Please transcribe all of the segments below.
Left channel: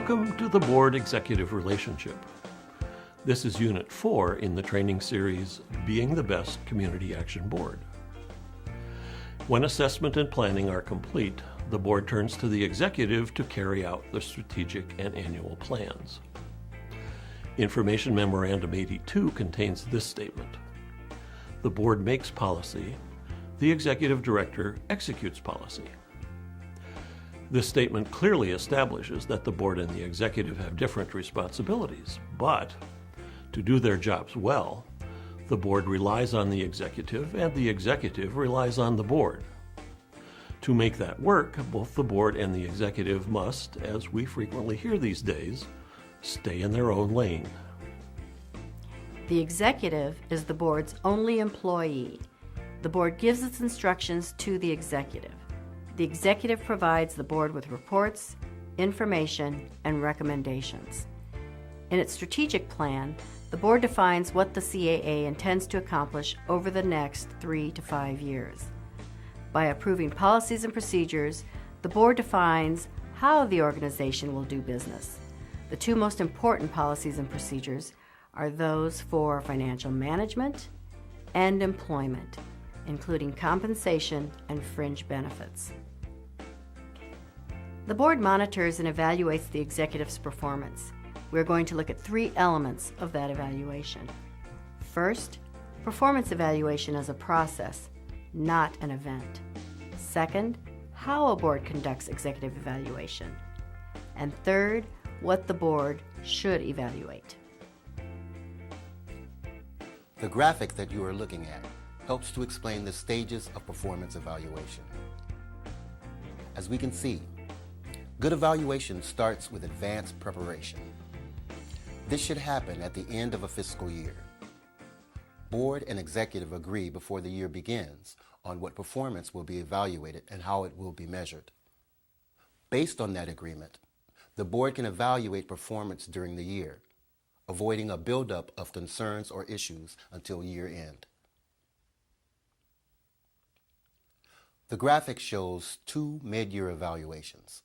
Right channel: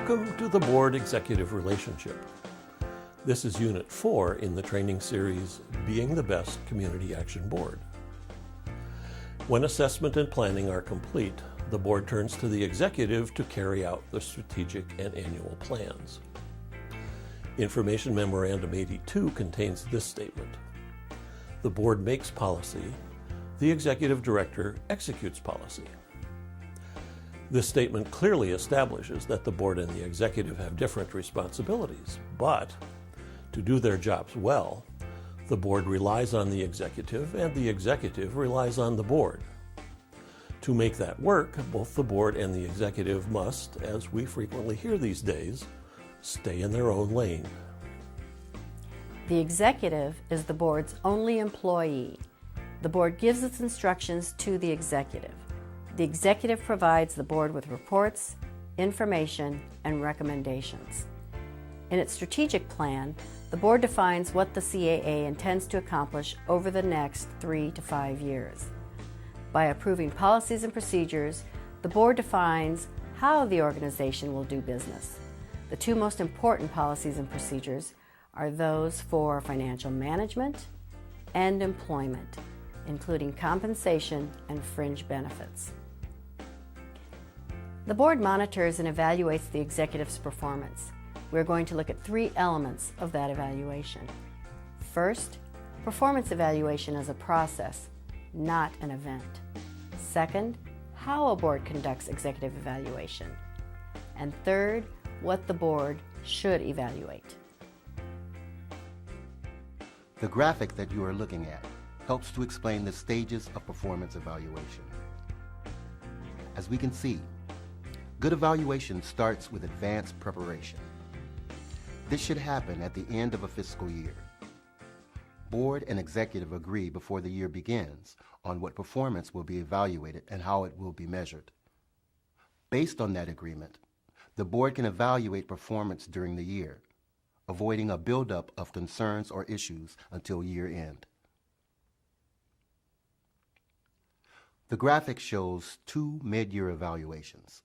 Welcome to the Board Executive Relationship. This is Unit 4 in the training series, Being the Best Community Action Board. When assessment and planning are complete, the board turns to the executive to carry out the strategic and annual plans. Information Memorandum 82 contains this statement. The board makes policy, the executive director executes policy. This statement clearly establishes that the board and the executive have different responsibilities, but to do their jobs well, the board relies on the executive and the executive relies on the board. To make that work, both the board and the executive must, as we frequently hear these days, stay in their own lane. The executive is the board's only employee. The board gives its instructions to the executive. The executive provides the board with reports, information, and recommendations. In its strategic plan, the board defines what the CAA intends to accomplish over the next 3 to 5 years. By approving policies and procedures, the board defines how the organization will do business. The two most important policies and procedures are those for financial management and employment, including compensation and fringe benefits. The board monitors and evaluates the executive's performance. We're going to look at 3 elements of that evaluation. First, performance evaluation is a process, not an event. Second, how a board conducts executive evaluation. And third, what the board should evaluate. The graphic that you are looking at helps to explain the stages of performance evaluation. As we can see, good evaluation starts with advanced preparation. This should happen at the end of a fiscal year. Board and executive agree before the year begins on what performance will be evaluated and how it will be measured. Based on that agreement, the board can evaluate performance during the year, avoiding a buildup of concerns or issues until year end. The graphic shows 2 mid-year evaluations.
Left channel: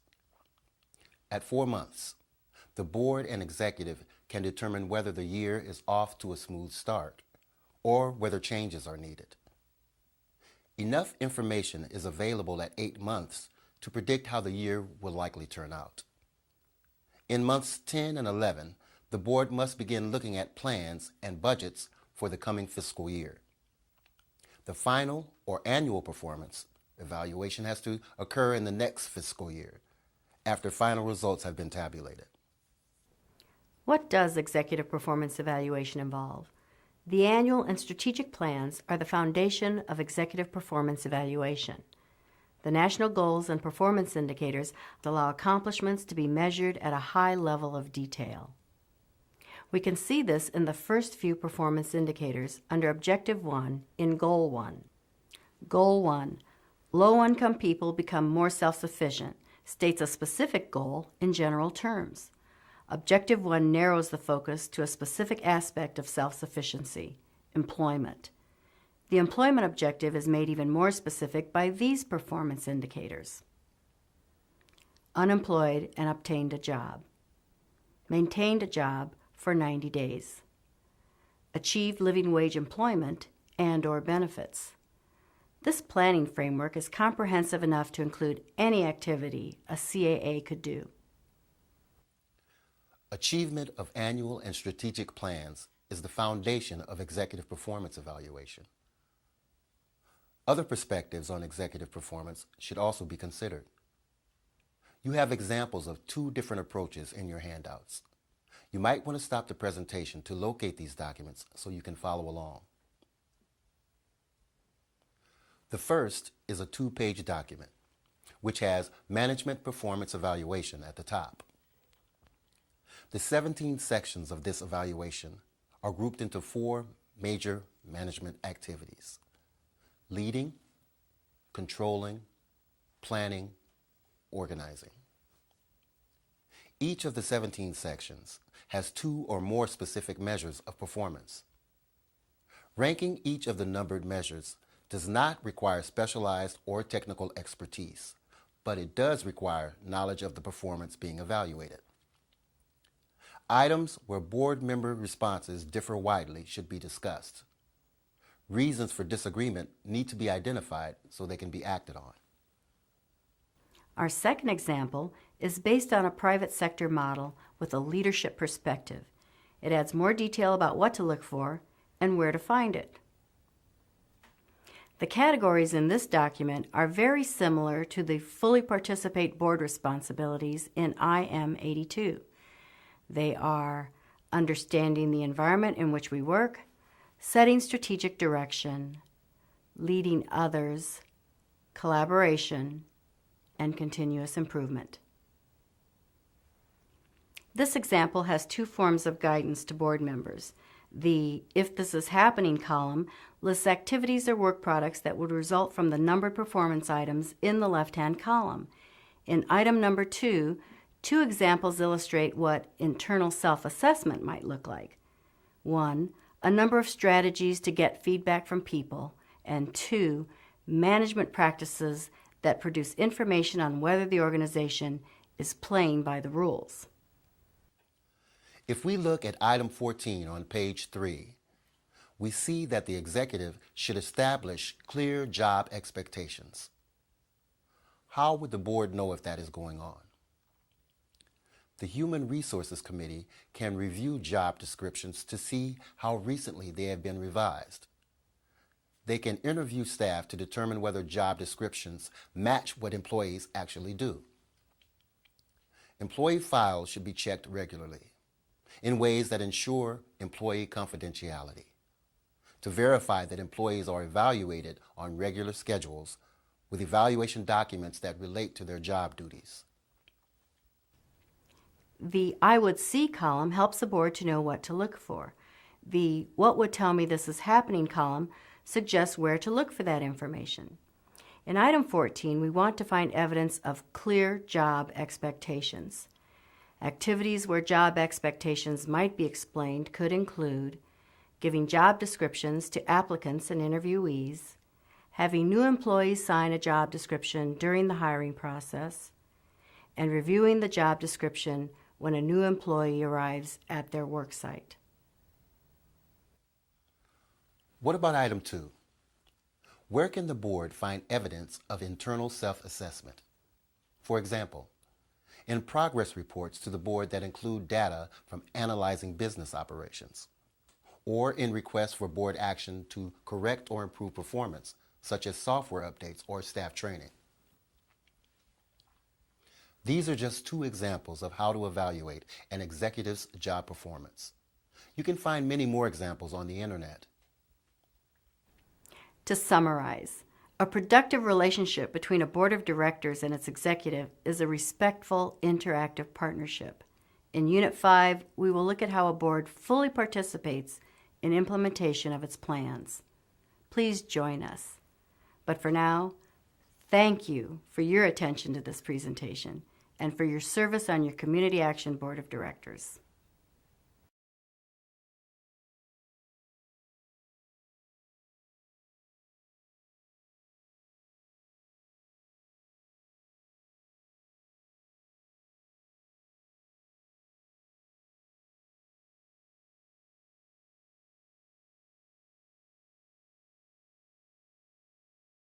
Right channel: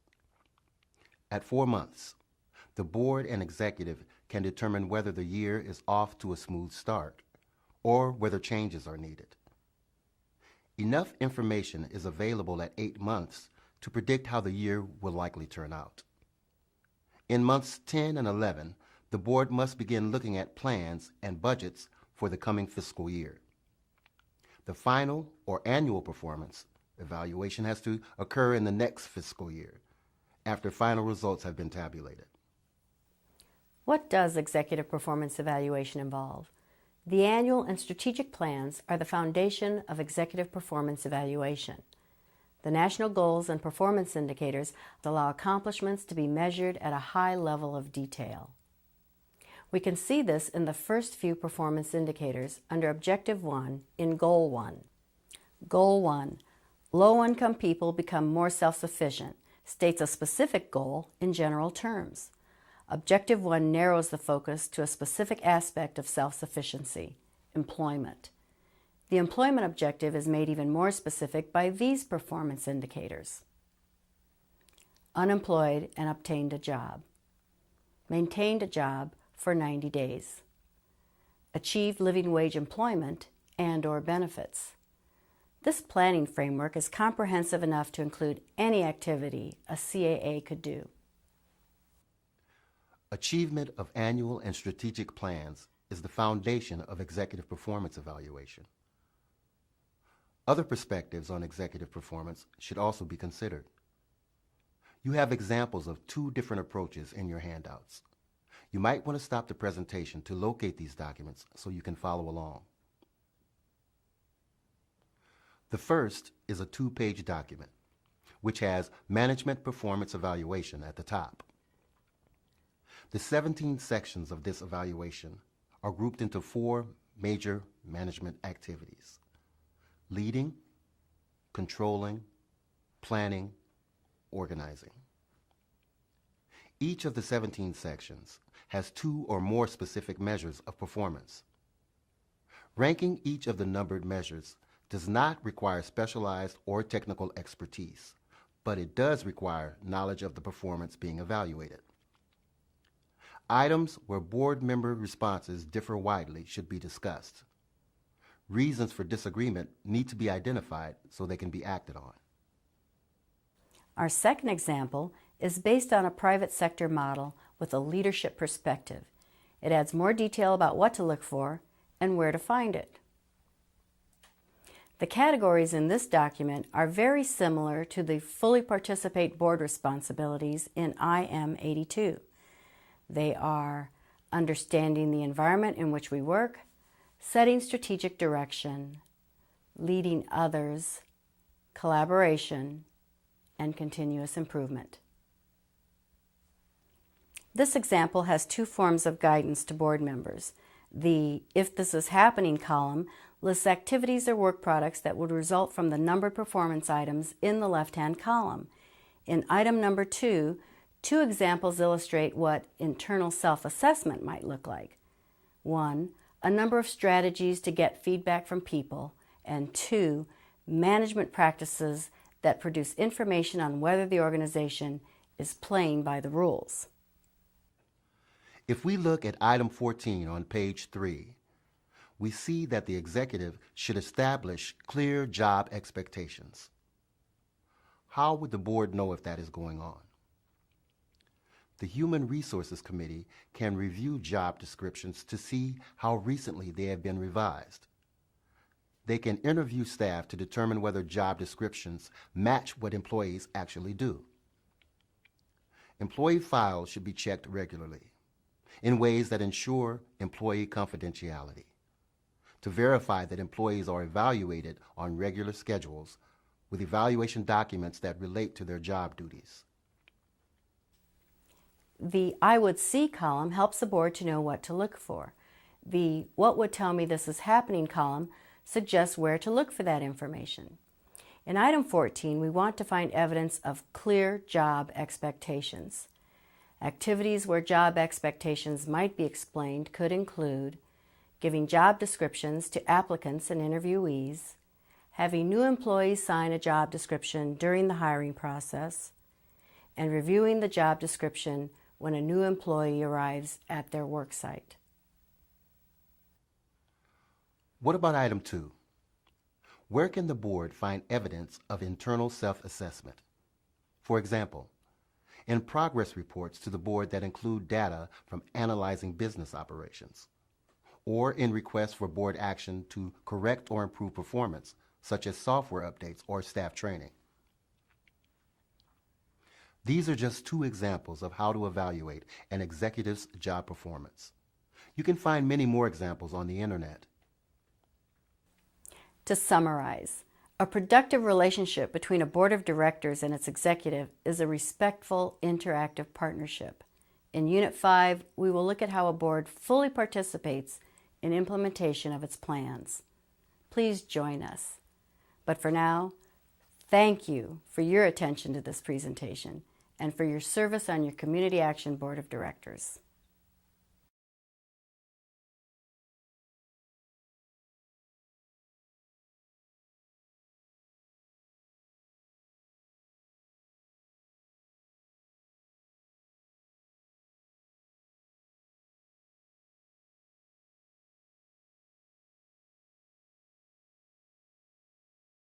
At 4 months, the board and executive can determine whether the year is off to a smooth start or whether changes are needed. Enough information is available at 8 months to predict how the year will likely turn out. In months 10 and 11, the board must begin looking at plans and budgets for the coming fiscal year. The final or annual performance evaluation has to occur in the next fiscal year, after final results have been tabulated. What does executive performance evaluation involve? The annual and strategic plans are the foundation of executive performance evaluation. The national goals and performance indicators allow accomplishments to be measured at a high level of detail. We can see this in the first few performance indicators under Objective 1 in Goal 1. Goal 1, low-income people become more self-sufficient, states a specific goal in general terms. Objective 1 narrows the focus to a specific aspect of self-sufficiency, employment. The employment objective is made even more specific by these performance indicators. Unemployed and obtained a job. Maintained a job for 90 days. Achieved living wage employment and/or benefits. This planning framework is comprehensive enough to include any activity a CAA could do. Achievement of annual and strategic plans is the foundation of executive performance evaluation. Other perspectives on executive performance should also be considered. You have examples of 2 different approaches in your handouts. You might want to stop the presentation to locate these documents so you can follow along. The first is a 2-page document, which has Management Performance Evaluation at the top. The 17 sections of this evaluation are grouped into 4 major management activities: leading, controlling, planning, organizing. Each of the 17 sections has 2 or more specific measures of performance. Ranking each of the numbered measures does not require specialized or technical expertise, but it does require knowledge of the performance being evaluated. Items where board member responses differ widely should be discussed. Reasons for disagreement need to be identified so they can be acted on. Our second example is based on a private sector model with a leadership perspective. It adds more detail about what to look for and where to find it. The categories in this document are very similar to the fully participate board responsibilities in IM 82. They are understanding the environment in which we work, setting strategic direction, leading others, collaboration, and continuous improvement. This example has two forms of guidance to board members. The If This Is Happening column lists activities or work products that would result from the numbered performance items in the left-hand column. In item number 2, two examples illustrate what internal self-assessment might look like. 1, a number of strategies to get feedback from people, and 2, management practices that produce information on whether the organization is playing by the rules. If we look at item 14 on page 3, we see that the executive should establish clear job expectations. How would the board know if that is going on? The Human Resources Committee can review job descriptions to see how recently they have been revised. They can interview staff to determine whether job descriptions match what employees actually do. Employee files should be checked regularly in ways that ensure employee confidentiality, to verify that employees are evaluated on regular schedules with evaluation documents that relate to their job duties. The I Would See column helps the board to know what to look for. The What Would Tell Me This Is Happening column suggests where to look for that information. In item 14, we want to find evidence of clear job expectations. Activities where job expectations might be explained could include giving job descriptions to applicants and interviewees, having new employees sign a job description during the hiring process, and reviewing the job description when a new employee arrives at their work site. What about item 2? Where can the board find evidence of internal self-assessment? For example, in progress reports to the board that include data from analyzing business operations, or in requests for board action to correct or improve performance, such as software updates or staff training. These are just two examples of how to evaluate an executive's job performance. You can find many more examples on the internet. To summarize, a productive relationship between a board of directors and its executive is a respectful, interactive partnership. In Unit 5, we will look at how a board fully participates in implementation of its plans. Please join us. But for now, thank you for your attention to this presentation and for your service on your Community Action Board of Directors.